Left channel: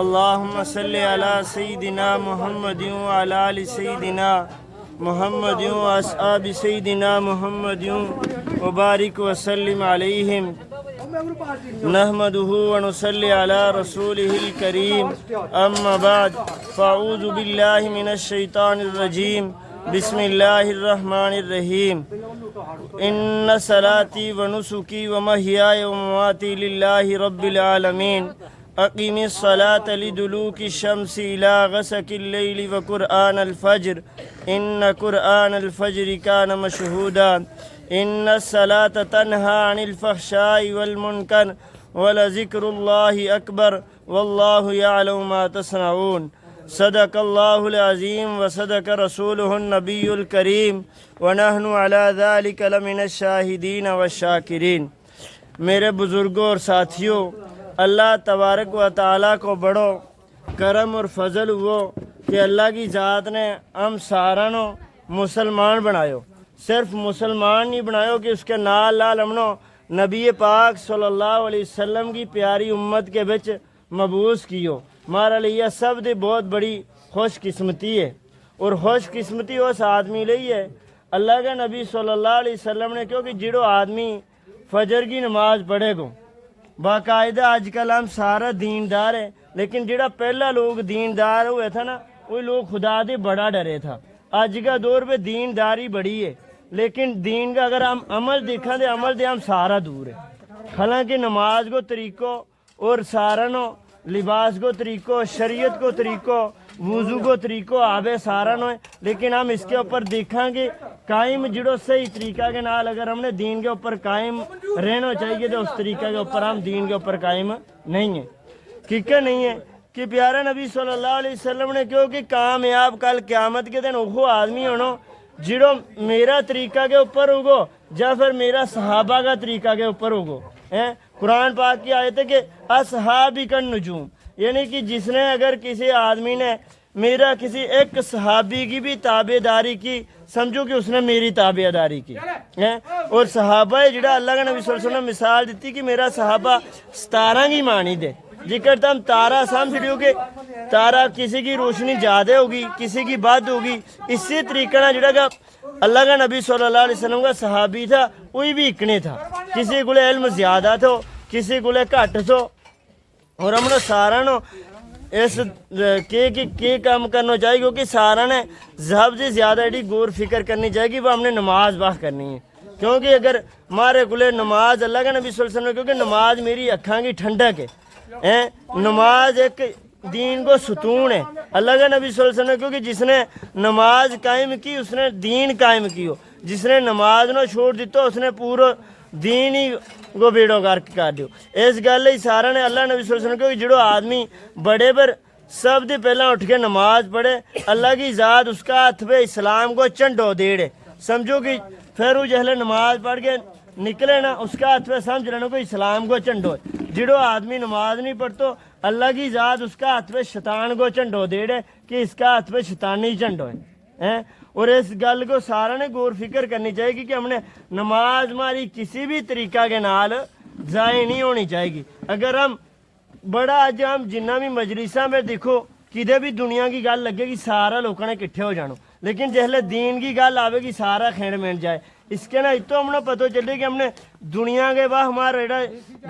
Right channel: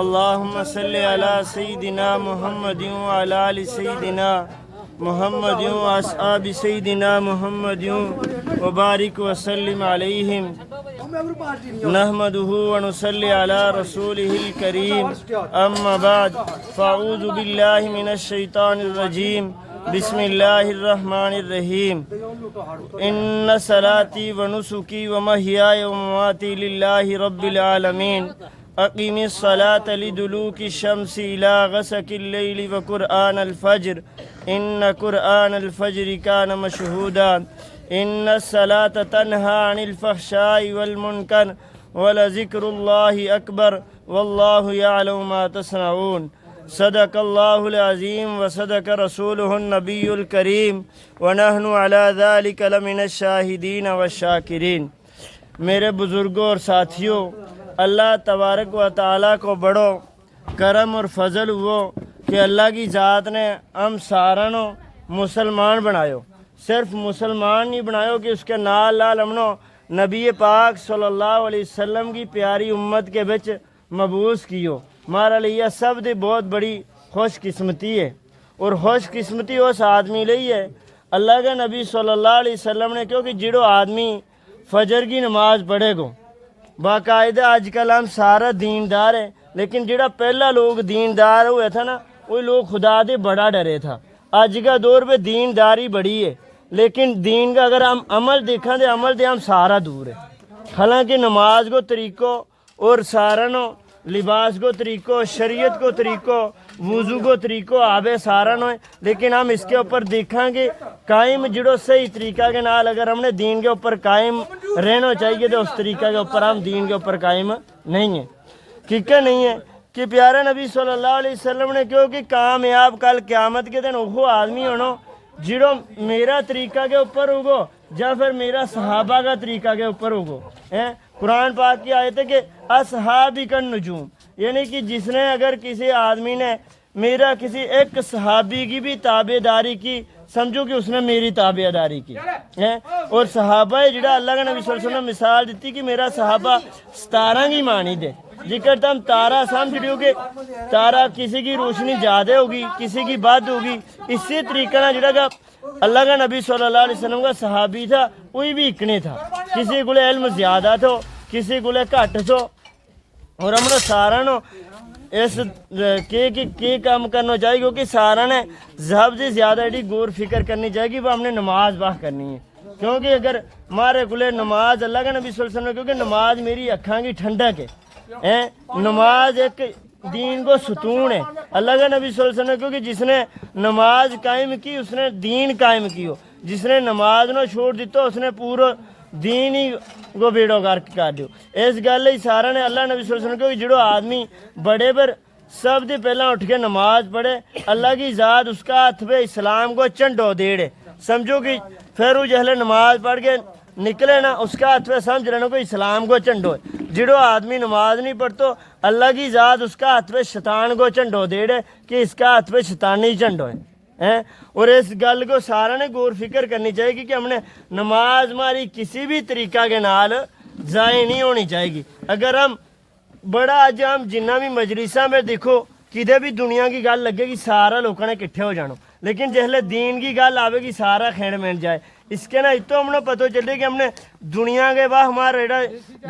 اللهم صل على سيدنا محمد وعلى آل سيدنا محمد وأصحاب سيدنا محمد وبارك وسلم عليهم نحمده ونصلي على رسوله الكريم أما بعد فأعوذ بالله من الشيطان الرجيم بسم الله الرحمن الرحيم إن صلاتي ونسكي ومحياي ومماتي لله رب العالمين أقم الصلاة لدلوك الشمس إلى غسق الليل وقرآن الفجر إن قرآن الفجر كان مشهودا إن الصلاة تنهى عن الفحشاء والمنكر ولذكر الله أكبر والله يعلم ما تصنعون صدق الله العظيم وصدق رسوله النبي الكريم ونحن على ذلك لمن الشاهدين والشاكرين۔ میرے بزرگوں اور ساتھیوں، اللہ تبارک و تعالیٰ کو بڑو کرم اور فضل ہو کہ اللہ کی ذات نے ہم سارنوں مسلمان بنایو۔ صرف مسلمان نہیں بنایو کہ اس کے نال لال ہمنو نبی پاک صلی اللہ علیہ وسلم کی پیاری امت کے بچ مبعوث کیو۔ ہمارا لیے سب دی بہت بڑی خوش قسمتی ہے، اور خوش قسمتی اس آدمی لئی ہے اللہ کا نبی صلی اللہ علیہ وسلم نے، کیونکہ جڑو آدمی فجر کی نماز پڑھے گو باقاعدہ، آج کل ہم سارا دیندار ہے، لیکن جڑا پہلا لوگ دیندار ہوئے تھا نا، وہ لوگ خدا دے بڑا ڈرے تھا۔ آج کا دور پہ دینداری بڑی ہے، لیکن دین کا اگر ہم عمل دیکھیں تو عمل دے ہم سارا دور ہے۔ حالانکہ نماز کو طریقوں اور سارنوں لباس کو طریقوں، شریعت کو طریقوں، وضو کو طریقوں آبے سارنوں ہے، لیکن ہم اس کے اوپر دیکھیں گے قائم جڑو صحیح طریقہ کے نال اگر ہم نے دین کے اوپر قائم رہنا چاہیے تو اس طریقہ کے اوپر ہم دین کے اوپر قائم نہیں ہیں۔ کیونکہ نہیں ہے کہ پیارے نبی صلی اللہ علیہ وسلم نے کیوں کہ کامیاب کل قیامت کے دن وہ آدمی ہونا جڑو میرا طریقہ کے اوپر ہوگو یا پھر میرا صحابہ کا طریقہ کے اوپر ہوگو۔ قرآن پاک کی آیت ہے کہ اصحابی کا نجوم، یعنی کہ جس نے اگر کسی آدمی نے میرا کسی ایک صحابی کی بھی تابع داری کی، سمجھو کہ اس نے میری تابع داری کی۔ اور صحابہ جڑا اللہ کا نبی صلی اللہ علیہ وسلم مثال دیتی کہ میرا صحابہ ستارہ کی مانی دے، جکر تم تارہ سمجھ رہی ہو کہ تارہ کسی کی روشنی زیادہ ہوگی کسی کی بد ہوگی، اسی طریقے نہ جڑا کہ اللہ کا نبی صلی اللہ علیہ وسلم کا صحابی تھا وہی بھی اکنے تھا، کسی کو علم زیادہ تھو کسی کو گھٹ تھو، اور ہم نے سارا نو اس کے کام کرنا چاہیے، کیونکہ سارا نے سب سے زیادہ ایڈی غور فکر کرنی چاہیے وہ ہم نے نماز باہ کرنی ہے۔ کیونکہ اگر ہمارے کو نماز اللہ کا نبی صلی اللہ علیہ وسلم، کیونکہ نماز میری اکھاں کی ٹھنڈک ہے، نماز ایک دین کو ستون ہے۔ اللہ کا نبی صلی اللہ علیہ وسلم کیونکہ جس نے نماز قائم کی اس نے دین قائم کیو، جس نے نماز نو چھوڑ دیتا اس نے پورا دین ہی کو بیڑو گرک کر دیو۔ اس گل ہی سارا نے اللہ نبی صلی اللہ علیہ وسلم کیونکہ جڑو آدمی بڑے پر سب دے پہلا اٹھ کے نماز پڑھے، اللہ کی ذات اس کا ہاتھ پہ اسلام کو چنڈو دیڑے، سمجھو کہ پھر وہ جہلے نماز پڑھ کے نکلے نا اس کا ہاتھ پہ سمجھ لینا کہ اسلام کو چنڈو ہے۔ جڑو آدمی نماز نہیں پڑھتو اللہ کی ذات اس کا ہاتھ پہ شیطان کو چنڈو دیڑے کہ اس کا ہاتھ پہ شیطانی چنڈو ہے۔ اور اس گل کو سارا نے غور فکر کرنی چاہیے کہ ہم نے نماز ہماری کسی بھی طریقہ کے نال ضائع نہیں ہونی چاہیے گی۔ اگر ہم بڑا آج ہم جنہ بھی مجلساں میں دیکھو کدے بھی دنیا کی گل لگے گی سارا لوگوں نے کٹھے ہو جانو، لیکن جہلے دین کی گل آوے گی سارا کھینڈ مل جائے۔ اس کے نا اتو ہم نے پتہ چلے کہ ہم نے دنیا کے بعد ہمارا ایڈا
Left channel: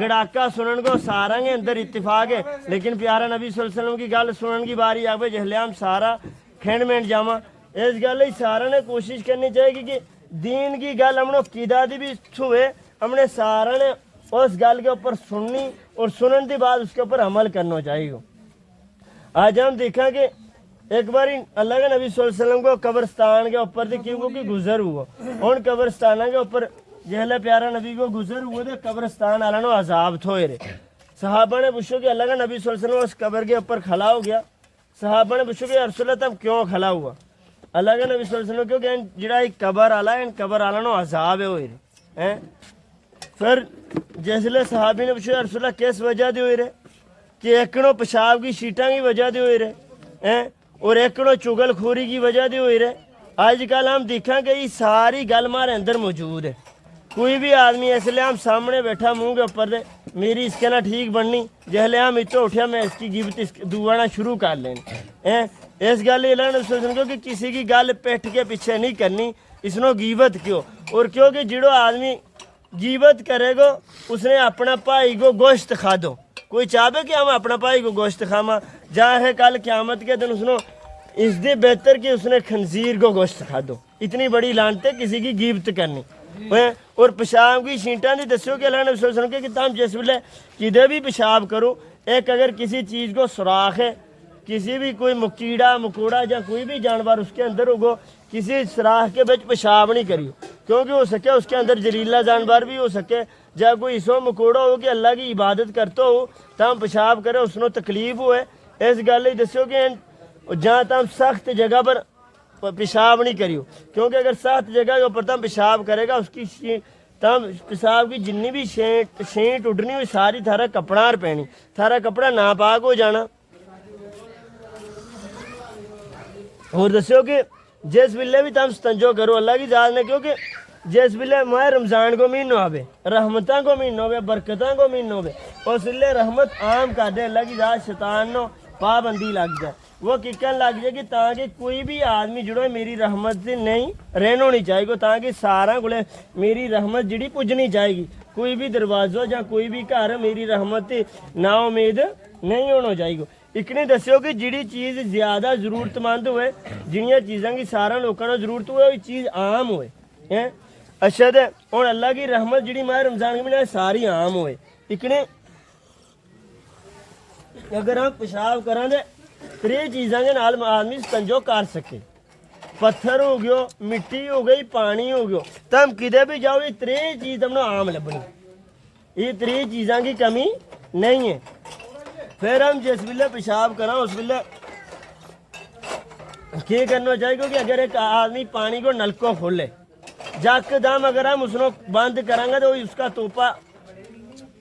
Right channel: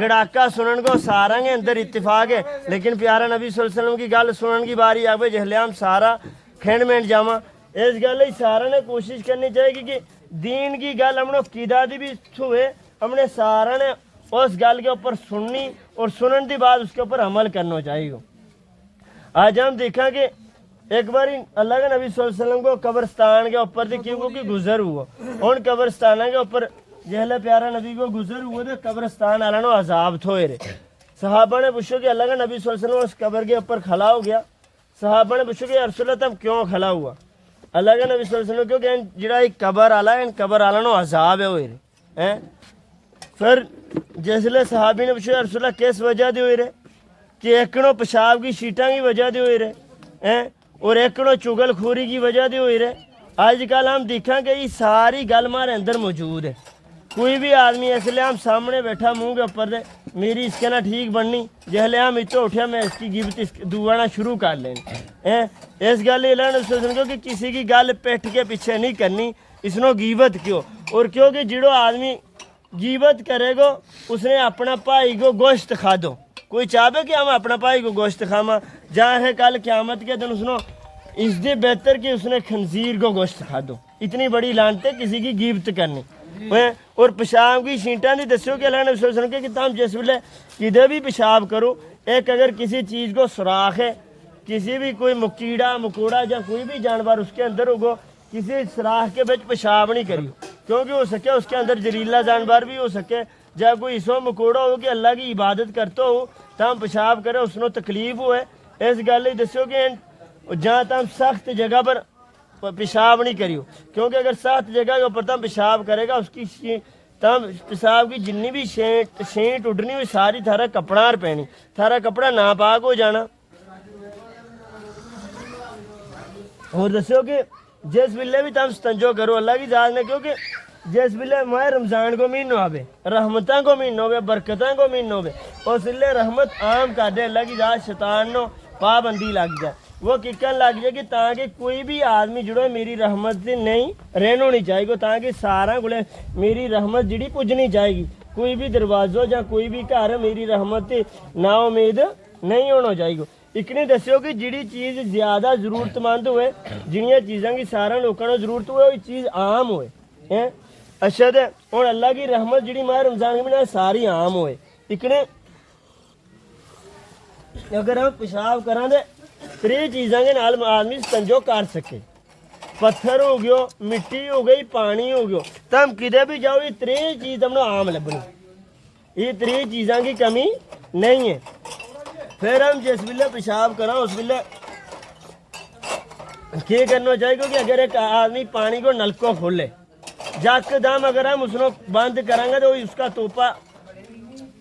گڑاکا سنن کو سارا کے اندر اتفاق ہے، لیکن پیارا نبی صلی اللہ علیہ وسلم کی گل سنن کی باری آوے جہلے ہم سارا کھینڈ مل جاواں۔ اس گل سارا نے کوشش کرنی چاہیے کہ دین کی گل ہم نے قیدا دی بھی ہوئے، ہم نے سارا نے اس گل کے اوپر سننی اور سنن دی بعد اس کے اوپر عمل کرنا چاہیے۔ آج ہم دیکھا کہ ایک بار اللہ کے نبی صلی اللہ علیہ وسلم کو قبرستان کے اوپر تھی کیوں کہ گزر ہوا، ان قبرستان کے اوپر جہلے پیارا نبی کو گزر ہوئے تو قبرستان والا نو عذاب تھوئے رہے۔ صحابہ نے پوچھو کہ اللہ کا نبی صلی اللہ علیہ وسلم اس قبر کے اوپر کھلا ہو گیا۔ صحابہ نے پوچھو کہ یا رسول اللہ تم کیوں کھلا ہوا؟ اللہ کا نبی صلی اللہ علیہ وسلم کیونکہ جڑا ایک قبر آلا ہے ان قبر آلا نو عذاب ہے ہوئے رہے۔ پھر جیسے صحابی نے پوچھا یا رسول اللہ کس وجہ دے ہوئے رہے؟ کہ ایکڑوں پیشاب کی سیٹاں کی وجہ دے ہوئے رہے اور ایکڑوں چگل خوری کی وجہ دے ہوئے رہے۔ آج کل ہم دیکھیں کہ یہ ساری گل ہمارے اندر موجود ہے۔ کوئی بھی آدمی اس لیے ہم سامنے بیٹھا منہ کے اوپر دے میری اس کے نہ ٹھیک بننی جہلے ہم اتو اٹھیا میں اس کی غیبت دعانا شروع کر لیں اس گل کہ کسی کی گل پیٹھ کے پیچھے نہیں کرنی اس نو غیبت کیوں اور کیونکہ جڑو آدمی غیبت کرے گو اس نے اپنا بھائی کو گوشت کھا دو کوئی چاہے کہ ہم اپنا بھائی کو گوشت کھاما جہاں ہے کل قیامت کے دن اس نو اس دے بہتر کہ اس نے خنزیر کو گوشت کھا دو اتنی بڑی لانت ہے کسی کی غیبت کرنی اور پیشاب کی چھینٹاں دی دسو کہ اللہ نے صلی اللہ علیہ وسلم کہ تم جس ویلے کدے بھی پیشاب کرو ایک اگر کسی چیز کو سوراخ ہے کسی بھی کوئی کیڑا مکوڑا یا کوئی بھی جانور اس کے اندر ہوگو کسی سوراخ کے بچ پیشاب نہیں کریو کیونکہ ہو سکے اس کے اندر زہریلا جانور بھی ہو سکے یا کوئی اسو مکوڑا ہو کہ اللہ کی عبادت کرتا ہو تم پیشاب کرے اس نو تکلیف ہوئے اس گل دسو کہ جہاں تم سخت جگہ پر پیشاب نہیں کریو کیونکہ اگر سخت جگہ کے اوپر تم پیشاب کرے گا اس کی تم پیشاب کی جنی بھی شینٹ اڈنی ہوئی ساری تھارا کپڑا پینی تھارا کپڑا ناپاک ہو جانا اور دسو کہ جس ویلے بھی تم ستنجو کرو اللہ کی ذات نے کیونکہ جس ویلے ماہ رمضان کو مہینہ ہوئے رحمتاں کو مہینہ ہوئے برکتاں کو مہینہ ہوئے اس ویلے رحمت عام کر دے اللہ کی ذات شیطان نو پابندی لگ جائے وہ ککن لگ جائے کہ تاکہ کوئی بھی آدمی جڑو میری رحمت سے نہیں رہن ہونی چاہیے گی تاکہ سارا کو میری رحمت جڑی پجنی چاہے گی کوئی بھی دروازوں یا کوئی بھی گھر میری رحمت نا امید نہیں ہونا چاہیے گی اکنے دسو کہ جڑی چیز زیادہ ضرورت مند ہوئے جنیاں چیزاں کی سارا لوگوں کو ضرورت ہوئے وہ چیز عام ہوئے اچھا دے اور اللہ کی رحمت جڑی ماہ رمضان کے مہینے ساری عام ہوئے اکنے اگر ہم پیشاب کریں دے تری چیزاں کے نال آدمی ستنجو کر سکے پتھر ہو گیا مٹی ہو گئی پانی ہو گیا تم کدے بھی جاؤ یہ تری چیز تم عام لبنی یہ تری چیزاں کی کمی نہیں ہے پھر ہم جس ویلے پیشاب کریں اس ویلے کیا کرنا چاہیے کیونکہ اگر ایک آدمی پانی کو نلکو کھولے جک دم اگر ہم اس کو بند کریں گے تو اس کا توپا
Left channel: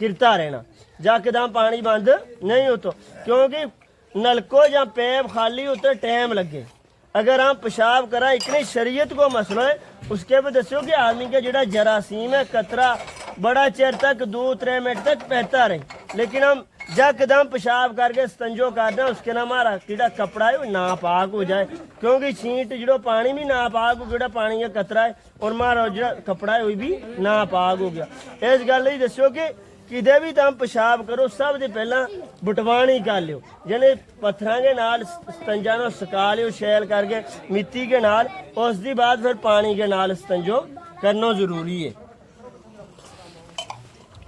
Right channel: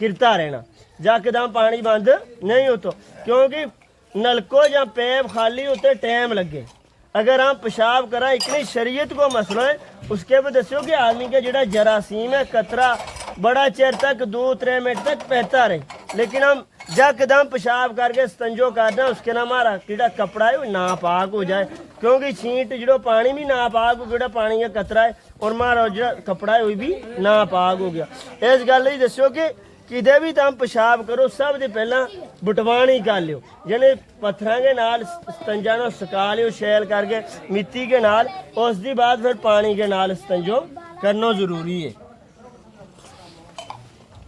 کرتا رہنا جک دم پانی بند نہیں ہوتا کیونکہ نلکو یا پیپ خالی ہوتے ٹائم لگے اگر ہم پیشاب کریں اتنی شریعت کو مسئلہ ہے اس کے بعد دسو کہ آدمی کا جڑا جراثیم ہے قطرہ بڑا چیر تک 2-3 منٹ تک بہتا رہے لیکن ہم جک دم پیشاب کر کے ستنجو کر دیں اس کے نام ہمارا جڑا کپڑا ہے وہ ناپاک ہو جائے کیونکہ چھینٹ جڑو پانی بھی ناپاک ہو جڑا پانی کا قطرہ ہے اور ہمارا جڑا کپڑا ہے وہ بھی ناپاک ہو گیا اس گل ہی دسو کہ کدے بھی تم پیشاب کرو سب سے پہلا بٹوانی کر لیو یعنی پتھراں کے نال ستنجا نو سکا لیو شیل کر کے مٹی کے نال اس دی بعد پھر پانی کے نال ستنجو کرنا ضروری ہے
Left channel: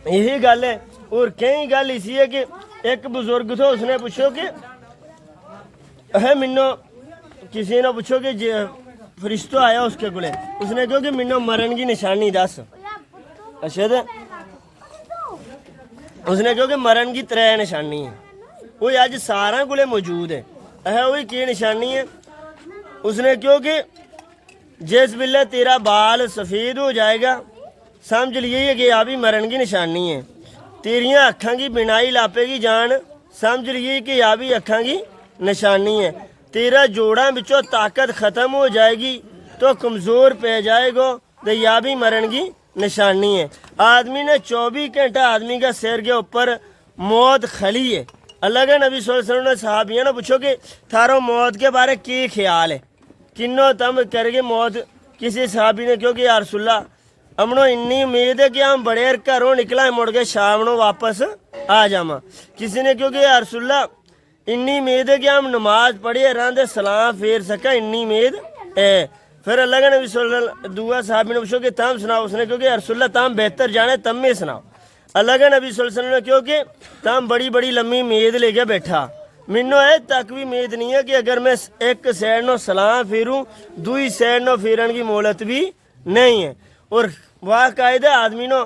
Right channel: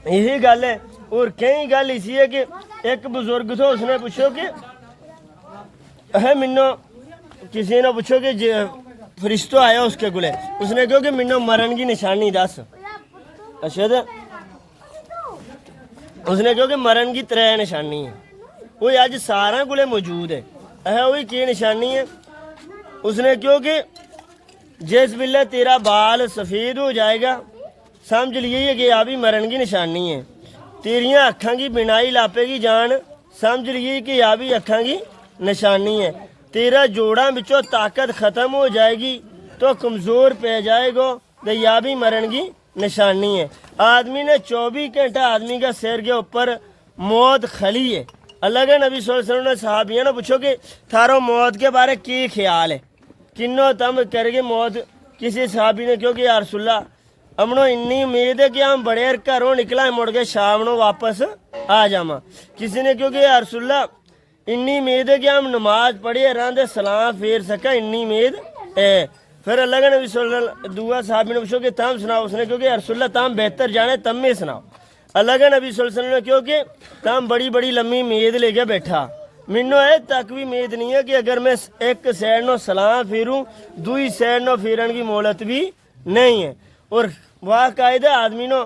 یہی گل ہے اور کئی گل اسی ہے کہ ایک بزرگ تھا اس نے پوچھو کہ ہے منو کسی نے پوچھو کہ فرشتہ آیا اس کے گلے اس نے کہو کہ منو مرن کی نشانی دس اچھا تو اس نے کہو کہ مرن کی 3 نشانی ہے وہ اج سارا کو موجود ہے وہی کی نشانی ہے اس نے کہو کہ جس ویلے تیرا بال سفید ہو جائے گا سمجھ لیے کہ آ بھی مرن کی نشانی ہے تیریاں اکھاں کی بینائی لاپے گی جان سمجھ لیے کہ آ بھی اکھاں کی نشانی ہے تیرا جوڑاں بچوں طاقت ختم ہو جائے گی تو کمزور پہ جائے گا تو یا بھی مرن کی نشانی ہے آدمی نے 24 گھنٹہ آدمی کا سر کے اوپر موت کھلی ہے اللہ کے نبی صلی اللہ علیہ وسلم نے صحابیوں نے پوچھو کہ تھارو موت کے بارے کی خیال ہے کنو تم کر کے موت کسی صحابی نے کیوں کہ یا رسول اللہ امنو انی امید ہے کہ ہم بڑے گھروں نکلا مڑ کے شام نو واپس آ جاواں کسی نے کیوں کہ یا رسول اللہ انی امید ہے کہ ہم نماز پڑھیے راندے سلام پھیر سکا انی امید ہے پھر اللہ کے نبی صلی اللہ علیہ وسلم دعا صحابی نے پوچھو کہ تم سناؤ اس نے کیوں کہ یا رسول اللہ تم بہتر جانے تم میں سناؤ اللہ کے نبی صلی اللہ علیہ وسلم نے کیوں کہ تم بڑی بڑی لمبی امید لے کے بیٹھا مینوں تک بھی امید نہیں ہے کہ اگر میں ایک سائڈ نو سلام پھیروں دوئی سائڈ نو پھیرن کی مہلت بھی نہیں ہے اور باقاعدہ آدمی نو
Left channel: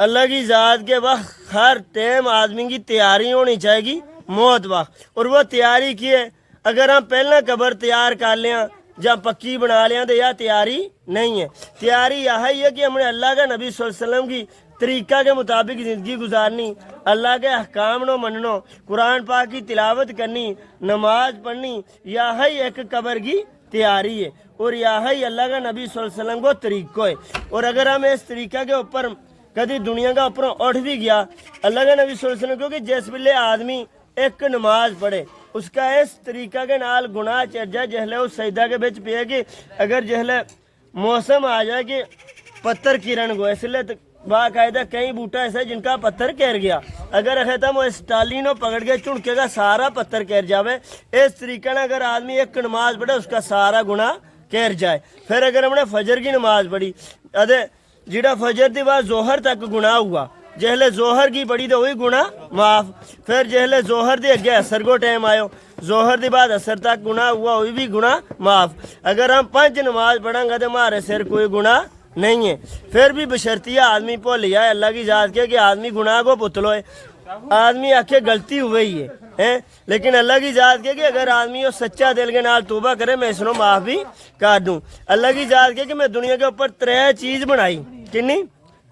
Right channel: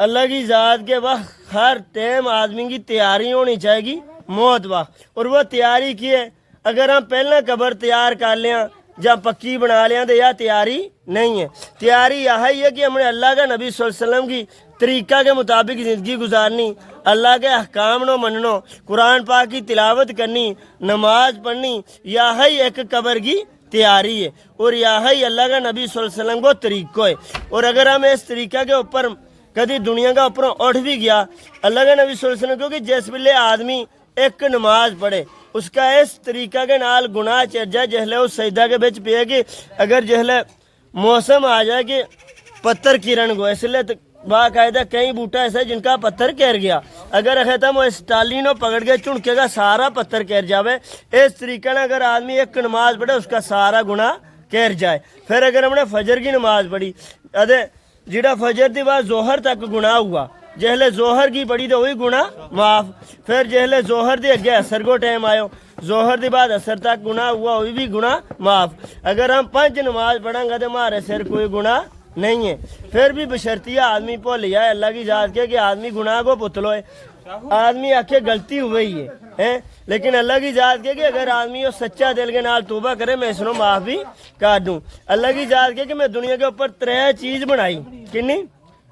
اللہ کی ذات کے وقت ہر ٹائم آدمی کی تیاری ہونی چاہیے گی موت وقت اور وہ تیاری کی ہے اگر ہم پہلا قبر تیار کر لیا یا پکی بنا لیا تو یہ تیاری نہیں ہے تیاری یہی ہے کہ ہم نے اللہ کے نبی صلی اللہ علیہ وسلم کی طریقہ کے مطابق زندگی گزارنی اللہ کے احکام نو مننو قرآن پاک کی تلاوت کرنی نماز پڑھنی یہی ایک قبر کی تیاری ہے، اور یہی اللہ کا نبی صلی اللہ علیہ وسلم کو طریقہ ہے۔ اور اگر ہم اس طریقہ کے اوپر کدی دنیا کا اوپر اٹھ بھی گیا، اللہ کا نبی صلی اللہ علیہ وسلم کیونکہ جس ویلے آدمی ایک نماز پڑھے اس کا اس طریقہ کے نال گناہ چڑھ جائے جہلے اس سجدہ کے بچ پہ کہ اگر جہلے موسم آ جائے کہ پتھر کرن گو، اس لیے باقاعدہ کئی بوٹا ایسا ہے جن کا پتھر کہر گیا، اگر ختم اس ٹالی نو پکڑ کے چنکے گا سارا پتھر کہر جاوے، اس طریقے سے اگر آدمی ایک نماز پڑھے اس کا سارا گناہ کہر جائے۔ پھر اگر ہم نے فجر کی نماز پڑھی جڑا فجر دی بعد ظہر تک گناہ ہوا، جہلے ظہر کی پڑھی تو وہی گناہ معاف، پھر جہلے ظہر دے اگے اثر کو ٹائم آئے، ظہر دی بعد اثر تک گناہ ہوا وہی بھی گناہ معاف۔ اگر ہم 5 نماز پڑھیں گے تو ہمارے سر کوئی گناہ نہیں ہے، پھر بھی بشرطیہ آدمی بھول جائے اللہ کی ذات کے کہ آدمی گناہ کو پتلو ہے، آدمی آکھے غلطی ہوئی ہے، لیکن اللہ کی ذات کے کہ اگر آدمی وہ سچا دل کے نال توبہ کرے میں اس کو معاف بھی کر دوں۔ اللہ کی ذات کے کہ میں دنیا کے اوپر 3 چیز بنائی، کنی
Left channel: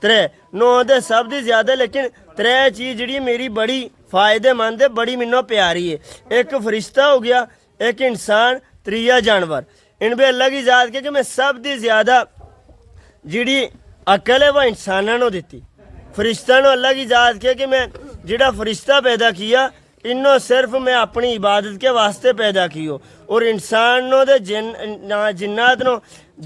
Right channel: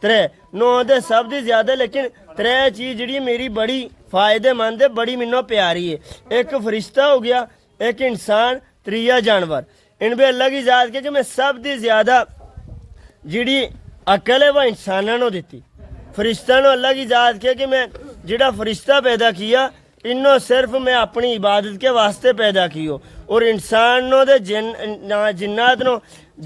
3 9 دے سب دی زیادہ، لیکن 3 چیز جڑی میری بڑی فائدے مند ہے، بڑی منو پیاری ہے۔ ایک فرشتہ ہو گیا، ایک انسان، 3 جانور۔ ان پہ اللہ کی ذات کے کہ میں سب دی زیادہ جڑی عقل ہے وہ انسانوں نے دیتی، فرشتہ نو اللہ کی ذات کے کہ میں جڑا فرشتہ پیدا کیا انہوں صرف میں اپنی عبادت کے واسطے پیدا کیو، اور انسانوں دے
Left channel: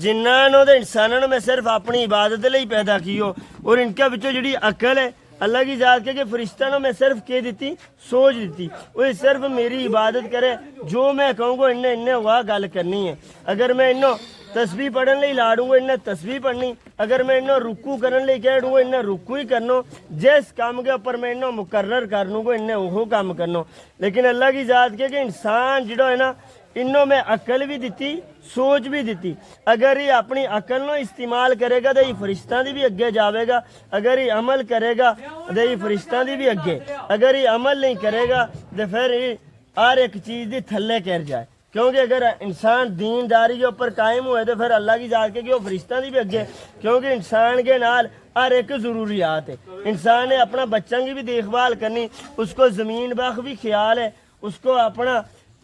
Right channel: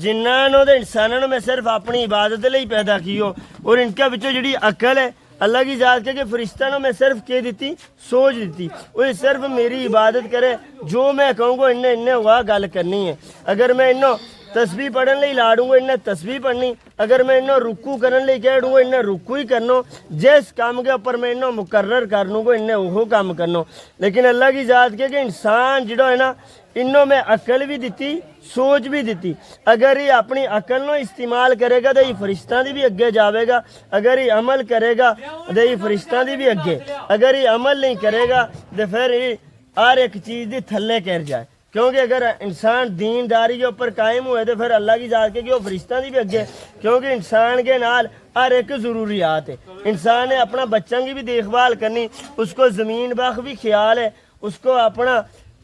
جنانوں دے انسانوں میں صرف اپنی عبادت لئی پیدا کیو، اور ان کے بچوں جڑی عقل ہے اللہ کی ذات کے کہ فرشتہ نو میں صرف کے دیتی سوچ دیتی، وہ صرف میری عبادت کرے، جو میں کہوں گا انہیں ہوا گل کرنی ہے۔ اگر میں انہوں تسبیح پڑھن لئی لاڑوں گا انہیں تسبیح پڑھنی، اگر میں انہوں رکوع کرن لئی کہہ دوں گا انہیں رکوع ہی کرنو، جس کام کے اوپر میں انہوں مقرر کرنوں گا انہیں وہ کام کرنو۔ لیکن اللہ کی ذات کے کہ انسان جڑا ہے نا انہوں میں عقل بھی دیتی سوچ بھی دیتی، اگر یہ اپنی عقل نو استعمال کرے گا تو یہ فرشتہ دی بھی اگے جاوے گا، اگر یہ عمل کرے گا تو یہ فرشتہ دی بھی اگے، اگر یہ عمل نہیں کرے گا تو پھر یہ ہر ایک چیز دی تھلے کر جائے، کیونکہ اگر انسان دینداری کے اوپر قائم ہوئے تو پھر اللہ کی ذات کے کہ وہ فرشتہ دی بھی اگے، کیونکہ انسان کے نال ہر ایک ضروریات ہے، انسان نے اپنا بچوں کی بھی دیکھ بھال کرنی، اس کو زمین باغ بھی خیال ہے، اس کو اپنا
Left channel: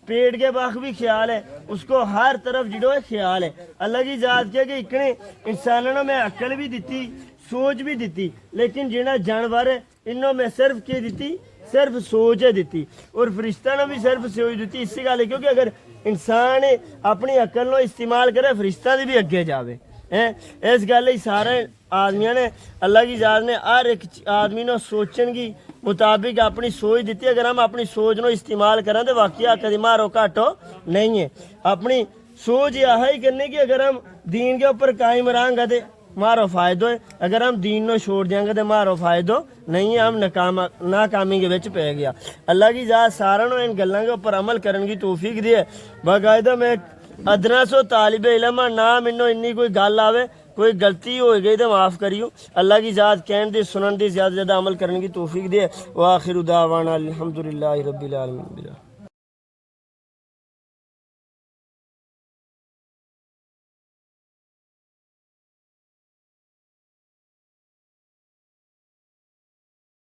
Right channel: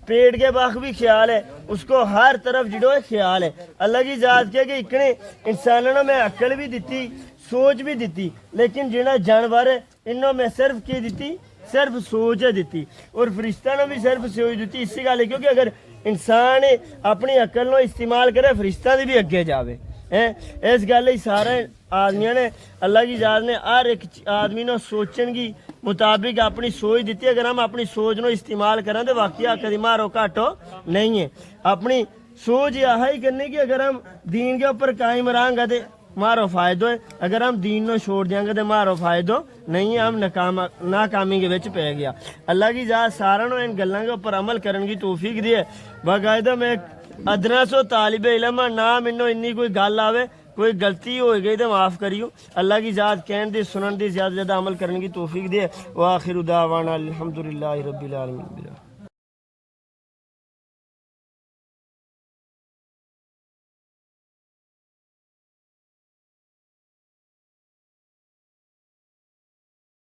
پیٹ کے باغ بھی خیال ہے، اس کو ہر طرف جڑو ہے خیال ہے۔ اللہ کی ذات کے کہ اتنے انسانوں نے میں عقل بھی دیتی سوچ بھی دیتی، لیکن جنہ جانور ہے انہوں میں صرف کی دیتی صرف سوچ ہے دیتی، اور فرشتہ نے بھی صرف سوچ دیتی۔ اسی گل ہے کیونکہ اگر انسان اپنی عقل نو استعمال کرے فرشتہ دی بھی اگے جاوے، اس گل سارے آدمیاں نے اللہ کی ذات نے ہر ایک آدمی نو سوچن کی مطابق اپنی سوچ دیتی، اگر ہم اپنی سوچ نو استعمال کریں تو واقعہ کدی مارو گھاٹو نہیں ہے۔ اپنی سوچ یہ ہی کرنے کی اگر ہم دین کے اوپر قائم رہیں گے تو مارو فائدہ ہے، اگر ہم دین نو چھوڑ دیں گے تو مارو فائدہ نہیں ہے، ہم ناکامی کے وچ پہ گیا۔ اللہ کی ذات سارا نو ان گلاں کے اوپر عمل کرن کی توفیق دی ہے۔ باقاعدہ میں ادنا سو طالب علم نہ مینوں انی کوئی گل آوے کوئی غلطی ہو گئی تو معاف کریو، اللہ کی ذات کہن دی سنن دی زیادہ عمل کرنے کی توفیق دے۔ وآخر دعوانا الحمدللہ رب العالمین۔